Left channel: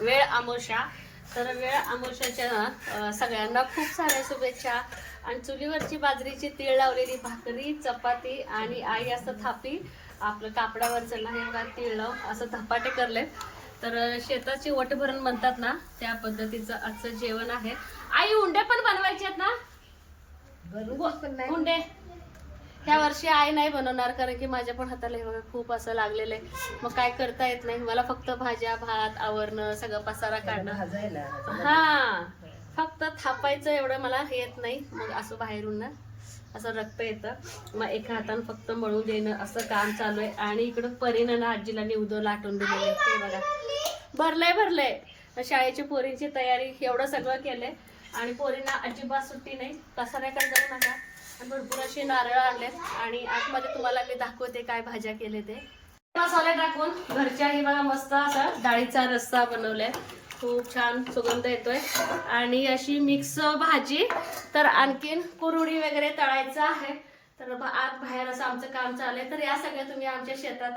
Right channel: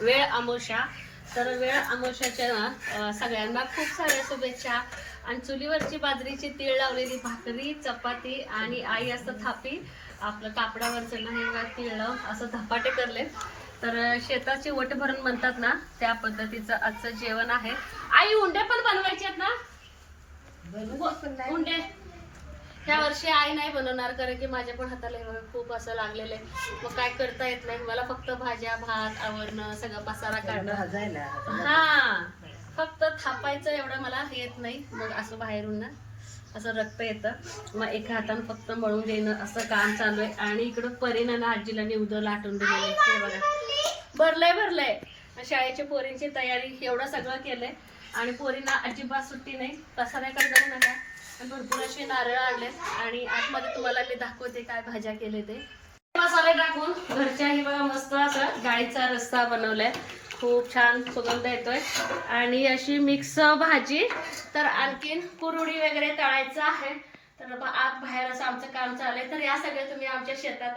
वेळ अमावस्या. तर वेळ अमावस्याच्या ना सगळ्यांना खूप साऱ्या शुभेच्छा. आणि चुलीवरची बाजरीची तीळ लावलेली भाकरी, चपाती आणि आई असं थापी आपलं कापडावरचं नाही बघा तीळ असं धपाटे करले. तर शेताची वट भरून म्हणतात ना त्या पद्धतीचं आजचं जेवण आहे. आई उंडे पण बनवायचे आहेत ना? उंडे ह्या वर्षी आई नाही बनवणार, कारण की माझ्या पण हाताला हे बघा खूप असं लागलेलं आहे. मग काय करता येत नाही मला, फक्त भाज्या भात आवरणं सगळं पसारा काढणं. हा फक्त थापायचं एवढं मला येत नाही. मग असं बाहेरून ना असं रक्त येतं, मग एका हातानं फक्त मळून देणं असं काम चालू आहे. आणि इकडं परीनं ना आजीला निवद लाटून दिलेलं आहे. हे बघा भरलंय. शाळेची पोरींची तयारी एवढं सगळं केलंय. आणि पोरींना अजिबात सुट्टी नाही. पसाऱ्याकडे जाऊ नका. भरपूर असे नारळ आणलेत आणि आतमध्ये तुम्हाला मी दाखवते काय भाज्या केले ते. मसाले टाकून घरच्याही बघा मस्त असं डाळीचा रस्सा बनवलाय. खूप छान सुगंध येतोय. आणि अशी मिक्स भाजी. तर आणखीन कुरुडी वगैरे तळायचं आहे. तर आत बाहेर असं आमचं काम चाललंय. तर या सगळ्या तुम्ही आमच्या शेतात